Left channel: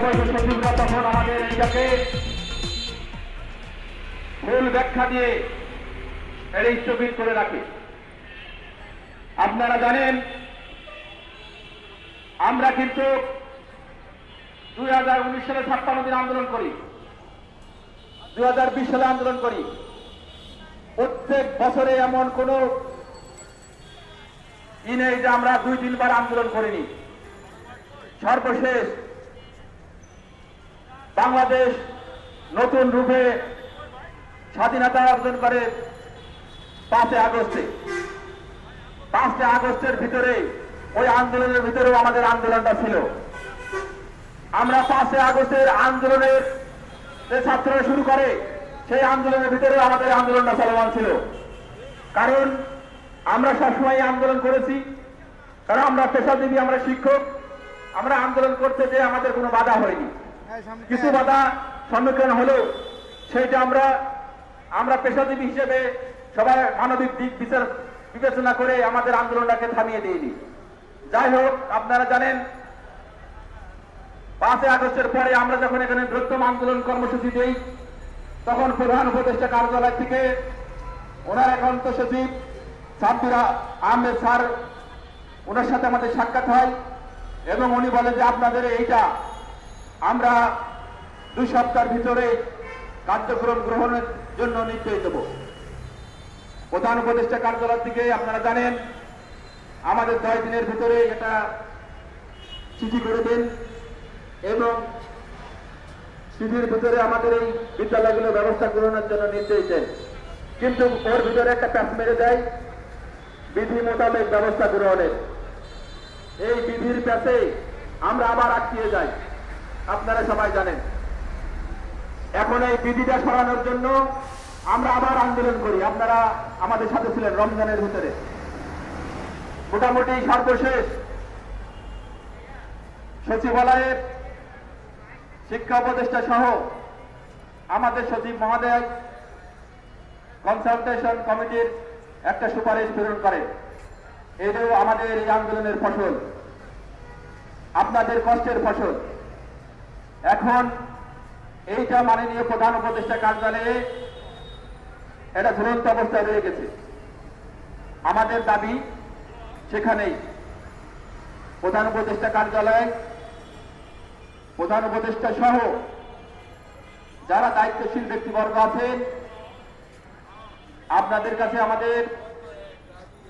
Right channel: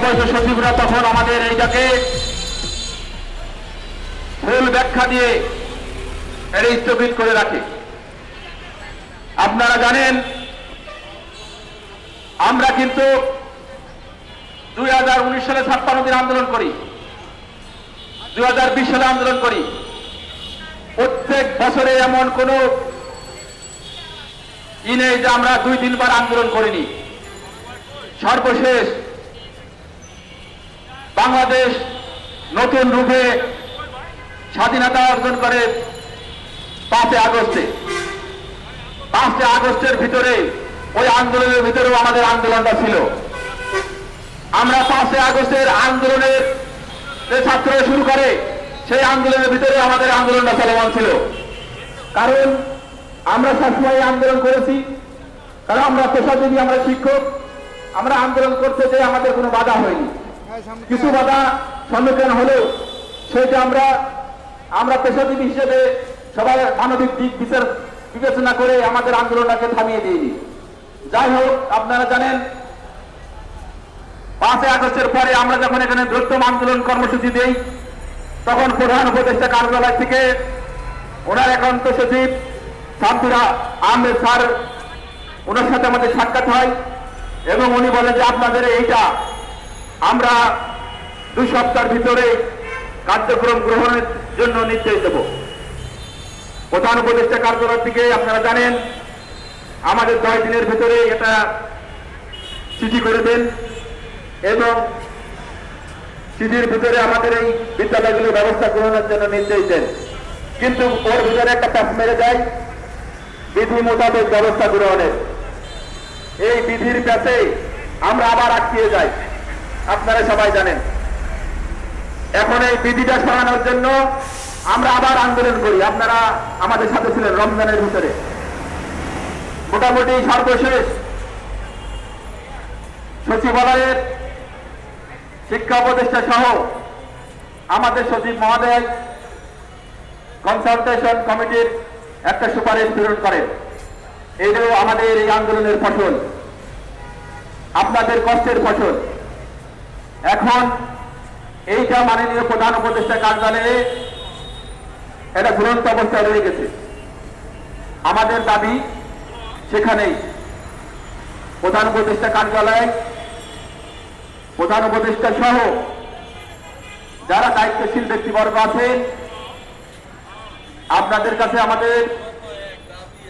অবশ্য সচিবরা তখন আমাদের এইটাকে ভুল ব্যাখ্যা দিয়ে এর স্থগিত করে রাখে। আপনারা জানেন, আমরা কিন্তু দুই হাজার উনিশ সালে ছাপ্পান্ন দিন আন্দোলন করি, দুই হাজার বিশ সালে আন্দোলন করি। প্রত্যেক বছরে এমন কোনো ই নেই যে আমরা দুই তিনবার আন্দোলন করিনি। সর্বশেষ বাংলাদেশ নতুন রূপে স্বাধীনতা অর্জন করে পাঁচই আগস্টে। পাঁচই আগস্টের ভিতরে, ওই আন্দোলনের ভিতরেও আমাদের আন্দোলনটা ছিল। আমরা পাঁচই আগস্টের আন্দোলনের যে ছাত্ররা শুরু করে, সেই আন্দোলনের ভিতরে আমাদের আন্দোলনটা চলমান ছিল। কারণ আমরা সবসময় আন্দোলন করেছি, কারণ আমরা পেশাজীবী, আমরা শিক্ষক। আমরা আন্দোলন করতে যে আমাদের কোনো বাধা হয়নি। কিছু বাধা সম্মুখীন হলেও সেটা আমরা আমরা পেশাজীবী হিসেবে সবাই মানবিক দিক বিচার বিবেচনা করে আমাদের আন্দোলনটাকে থামিয়ে দিইনি। যাই হোক আপনারা জানেন পাঁচই আগস্টের পরে আমরা যখন এখানে বৃহত্তম আন্দোলন কর্মসূচি দেই তখন প্রধান উপদেষ্টা কার্যালয় থেকে ওনার একান্ত সচিব সাব্বিরা আহমেদ স্যার ওনার সাথে আমাদের সাক্ষাৎ হয় এবং উনি বলেন যে আপনাদের এইটা আমরা দুই সপ্তাহের ভিতরে কার্যক্রম গ্রহণের জন্য নির্দেশ দেব। প্রধান উপদেষ্টা কার্যালয় থেকে আপনারা জানেন, আমাদের দশ দিনের ভিতরে এটা চিঠি করে দেন এবং চিঠির ভিতরে আমাদের এই বিদ্যালয়গুলোর ব্যবস্থা গ্রহণের জন্য নির্দেশ দেন। কিন্তু ওর ভিতরে একটা প্যাস মেরে যায়, বিধি মোতাবেক ব্যবস্থা গ্রহণের। এই বিধির প্যাসে আমরা আবার আটকিয়ে যাই। আপনারা সবাই জানেন। এখন এই বিধিটা সরানোর জন্য আমরা আবার আন্দোলন করি। আপনারা আমাদের সাথে ছিলেন রমজানের ভিতরে। মোটামুটি সর্বশেষ সচিবালয়ের শিক্ষা উপদেষ্টা সহ আমাদের সচিব মহোদয় কনসালটেশন কমিটির একটা সুপারিশ প্রেরণ করেন। এটাও আমাদের এই আন্দোলনের ফসল। আপনাদের কষ্টের ফসল। এখন এইটা মাননীয় প্রধান উপদেষ্টা কার্যালয়ে এটা ঝুলন্ত অবস্থায় রয়ে গেছে। আমাদের দাবি সেখানেই। প্রধান উপদেষ্টা কার্যালয়ে প্রধান উপদেষ্টা সহ যারা দায়িত্বশীল ব্যক্তিবর্গ আছেন, আপনাদের কাছে আমাদের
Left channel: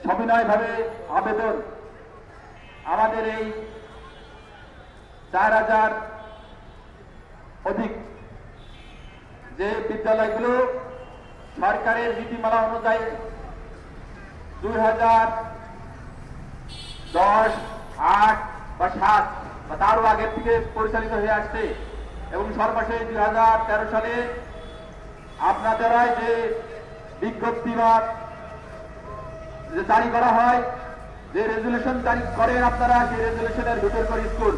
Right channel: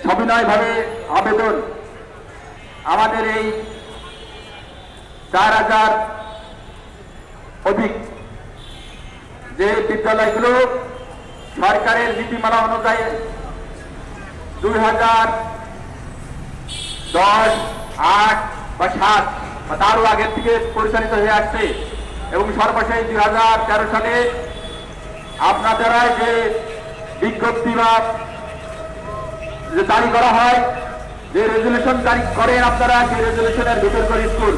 সবিনয়ভাবে আবেদন। আমাদের এই চার হাজার অধিক। যে বিদ্যালয়গুলো সরকারের নীতিমালা অনুযায়ী দুই হাজার দশ, আট বা সাত বা তারও আগের থেকে পরিচালিত হয়ে আসছে এবং সর্বশেষ দুই হাজার তেরো সালে আপনাদের যে বিজ্ঞপ্তি বা যে জারি করা হয়, যে রেজুলেশন জারি করেন আপনারা, সেই রেজুলেশনের ভিতরকার স্কুল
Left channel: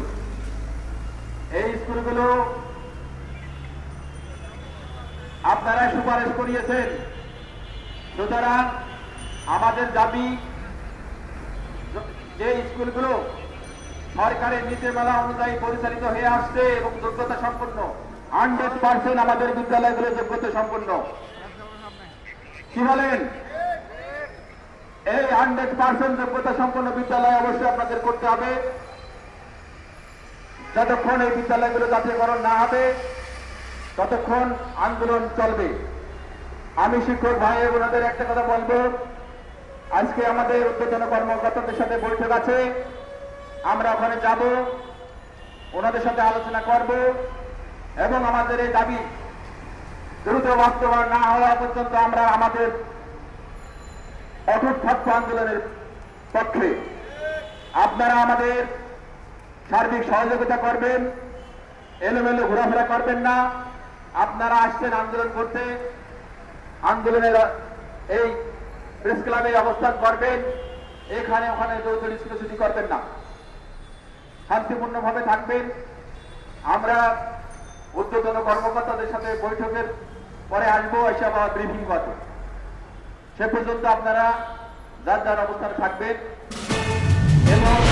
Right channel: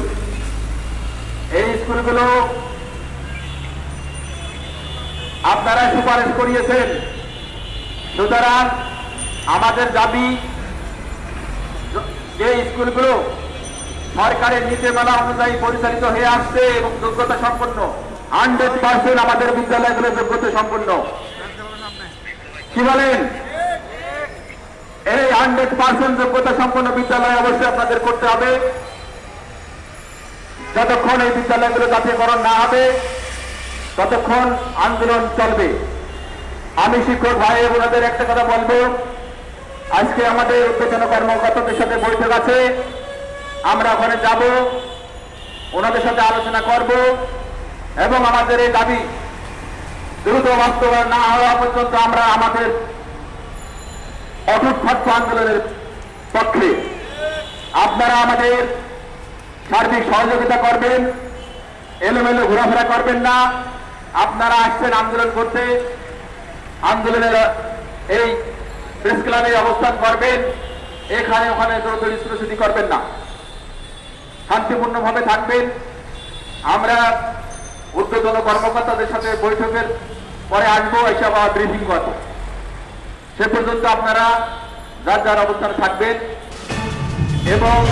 এই স্কুলগুলো আপনারা সুপারিশ করিয়েছেন। সুতরাং আমাদের দাবি, যে স্কুলগুলো সরকারের নীতিমালা অনুযায়ী পরিচালিত হয়ে আসছে এবং যোগ্যতা সম্পন্ন হান্ড্রেড পার্সেন্ট আমাদের বিদ্যালয়গুলো যোগ্যতা সম্পন্ন। কি বলেন? এই হান্ড্রেড পার্সেন্ট যোগ্যতা সম্পন্ন বিদ্যালয় অবশ্যই আপনাদের করতে হবে। যতক্ষণ এই বিদ্যালয়গুলো জাতীয়করণ না হবে ততক্ষণ আন্দোলন চলবে। আমি শিক্ষক ভাই, ওনাদের একটা কথা বলব। আজকে আমাদের উদ্বোধন কর্মকর্তাদের সাথে বৈঠক আছে। আমরা ওখানে যাব, ওনাদের সাথে আলোচনা করব এবং আমাদের এই দাবি দ্রুত বাস্তবায়ন না হওয়া পর্যন্ত আমরা আমাদের অটুট থাকব আন্দোলনের পক্ষে আপনারা আমাদের সার্বিক সহযোগিতা করবেন, এলোমেলো ঘোরাফেরা করবেন না। আপনারা আসছেন আন্দোলন করতে। আন্দোলনের এই প্রেস ক্লাবে অবস্থান করবেন। এখানে ওখানে দৌড়দৌড়ি করবেন না। শান্তিপূর্ণভাবে থাকবেন। আমরা উদ্বোধন কর্মকর্তাদের সাথে বৈঠকের পরে আসব এসব আবার ব্রিফিং করব। সে পর্যন্ত আপনারা যার যার অবস্থানে থাকবেন। এবং